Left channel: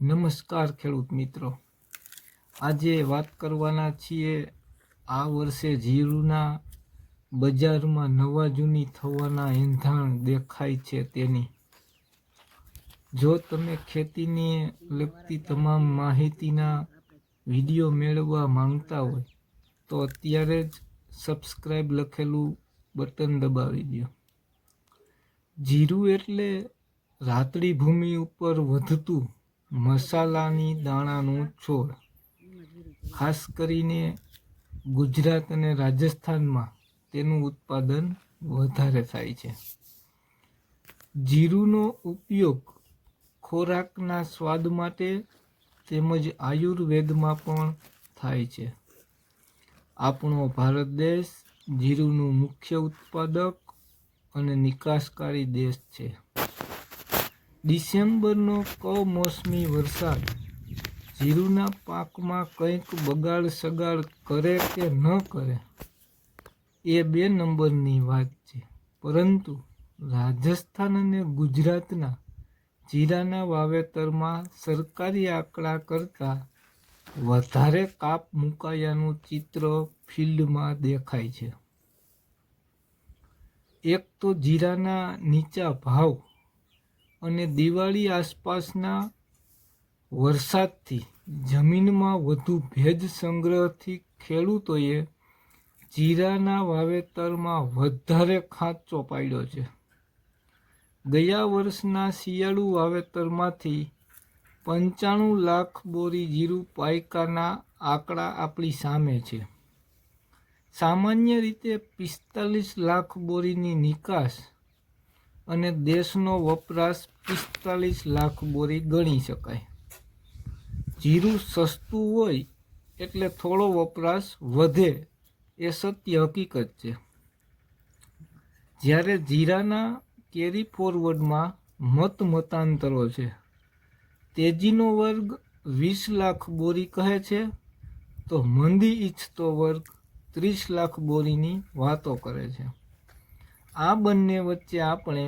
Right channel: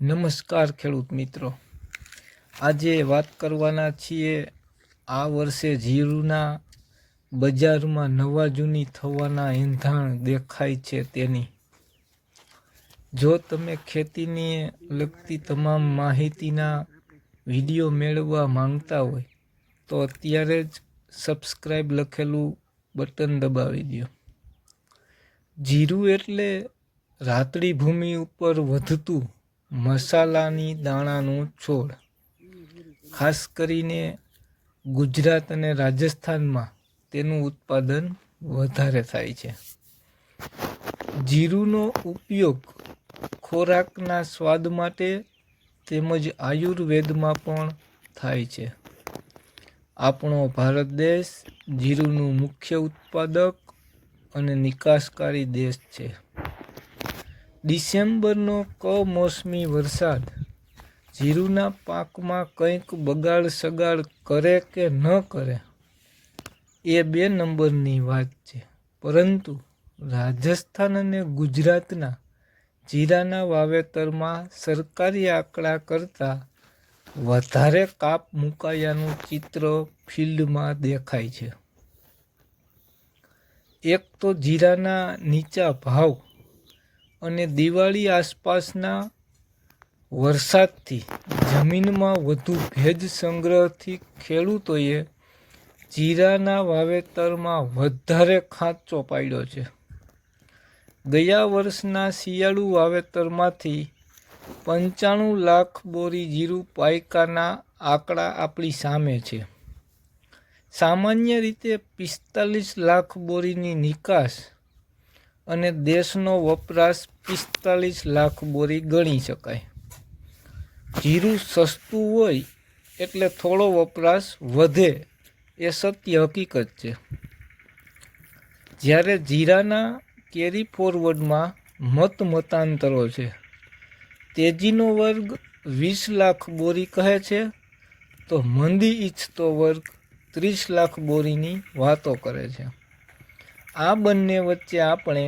નમસ્કાર ખેડૂત મિત્રો, આજે વાત કરવાના છીએ આ વર્ષે જીરુના બજારમાં નવા જૂની થવાના એંધાણ દેખાય છે તેની. જો તમે ખેતીને લગતી તમામ માહિતીના વિડીયો મેળવવા માંગતા હોય તો અત્યારે જ સબસ્ક્રાઈબ લખેલું બટન દબાવી દો. જીરું એટલે રાતડી ભૂમિ ઉપર વધતું મસાલાની દાણાનું છોડ. ખાસ કરીને ગુજરાત અને રાજસ્થાનમાં તેનું ઉત્પાદન વધારે થાય છે. જીરુંનો ઉપયોગ ખોરાકના સ્વાદ માટે તેમજ આયુર્વેદમાં પણ થાય છે. આપણો ભારત દેશ જીરુંનું મુખ્ય ઉત્પાદક અને નિકાસકારી દેશ છે. ડિસેમ્બરનો કમોસમી વરસાદ જીરુના પાકમાં કંઈક બગાડ સગાડ કરે કે ન કરે એ 2 નંબરની વાત છે, પરંતુ રાજસ્થાન અને ગુજરાતના જીરાના વાવેતરમાં સરકારી આંકડા કરતાં વધારે કાપ મુકાયાનું ચિત્ર ફિલ્ડમાં દેખાય છે. એક તો જીરાના નીચા ભાવ અને દિવાળી આસપાસના વરસાદથી જમીનમાં વધુ ભેજ સંગ્રહથી ખેડૂતોએ જીરાના વાવેતરમાં વધારે ખાંચો પાડ્યો છે. ગયા વર્ષના શિયાળુ વાવેતરમાંથી 95 લાખ બોરી જીરું પાયકાના આંકડા આપણી સામે છે. સામાન્ય રીતે 45 લાખ બોરીની નિકાસ અને દેશનો વપરાશ 45 લાખ બોરી ગણી શકાય. જીરું સસ્તું હોય એટલે થોડો વપરાશ વધે એ સત્ય હકીકત છે. જ્યારે જીરાના કેરી ફોરવર્ડમાં મતાંતરો છે. તેજીનો વર્ગ 20 લાખ બોરી કહે છે તો મંદી ઈચ્છતો વર્ગ 30 લાખ બોરીની વાતો કરે છે. આ બંને વચ્ચે આપણે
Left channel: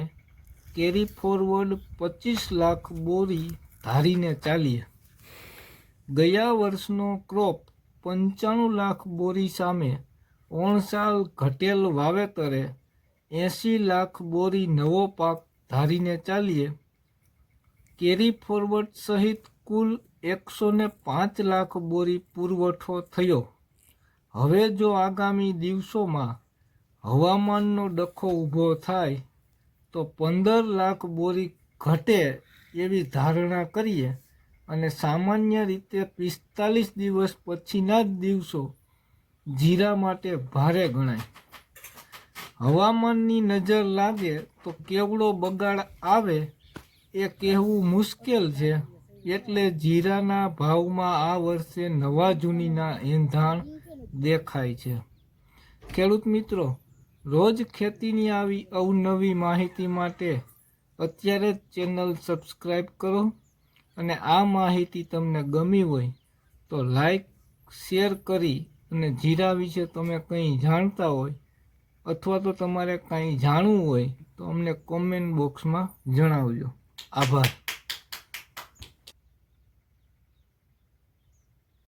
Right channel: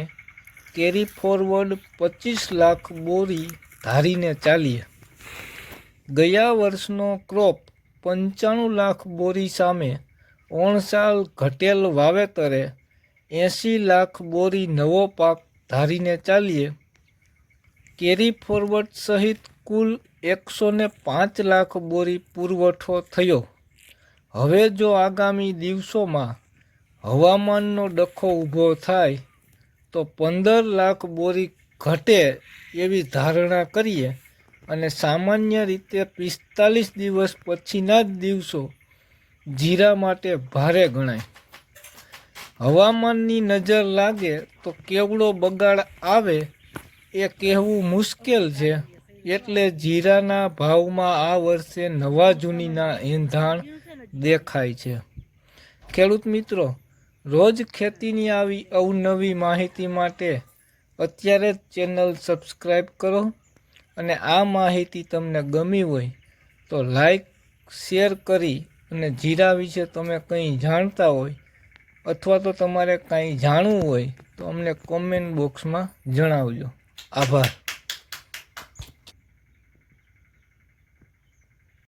કેરી ફોરવર્ડ 25 લાખ બોરી ધારીને ચાલીએ. ગયા વર્ષનો ક્રોપ 95 લાખ બોરી સામે ઓણસાલ ઘટેલ વાવેતરે 80 લાખ બોરી નવો પાક ધારીને ચાલીએ. કેરી ફોરવર્ડ સહિત કુલ 105 લાખ બોરી પુરવઠો થયો. હવે જો આગામી દિવસોમાં હવામાનનો ડખો ઊભો થાય તો 15 લાખ બોરી ઘટે એવી ધારણા કરીએ અને સામાન્ય રીતે 45 દિવસ પછીના જ દિવસો જીરા માટે ભારે ગણાય. હવામાનની નજર લાગે તો કેવડો બગાડ આવે એ કહેવું મુશ્કેલ છે. એટલે જીરાના ભાવમાં આ વર્ષે નવા જૂનીના એંધાણ દેખાય છે. ખેડૂત મિત્રો, રોજ ખેતીની આવી અવનવી માહિતી માટે અત્યારે જ ચેનલ સબસ્ક્રાઈબ કરો અને આ માહિતી તમને ગમી હોય તો લાઈક શેર કરી અને જીરા વિશે તમે કંઈ જાણતા હોય અથવા તો તમારે કંઈ જાણવું હોય તો અમને કોમેન્ટ બોક્સમાં જણાવજો. આભાર.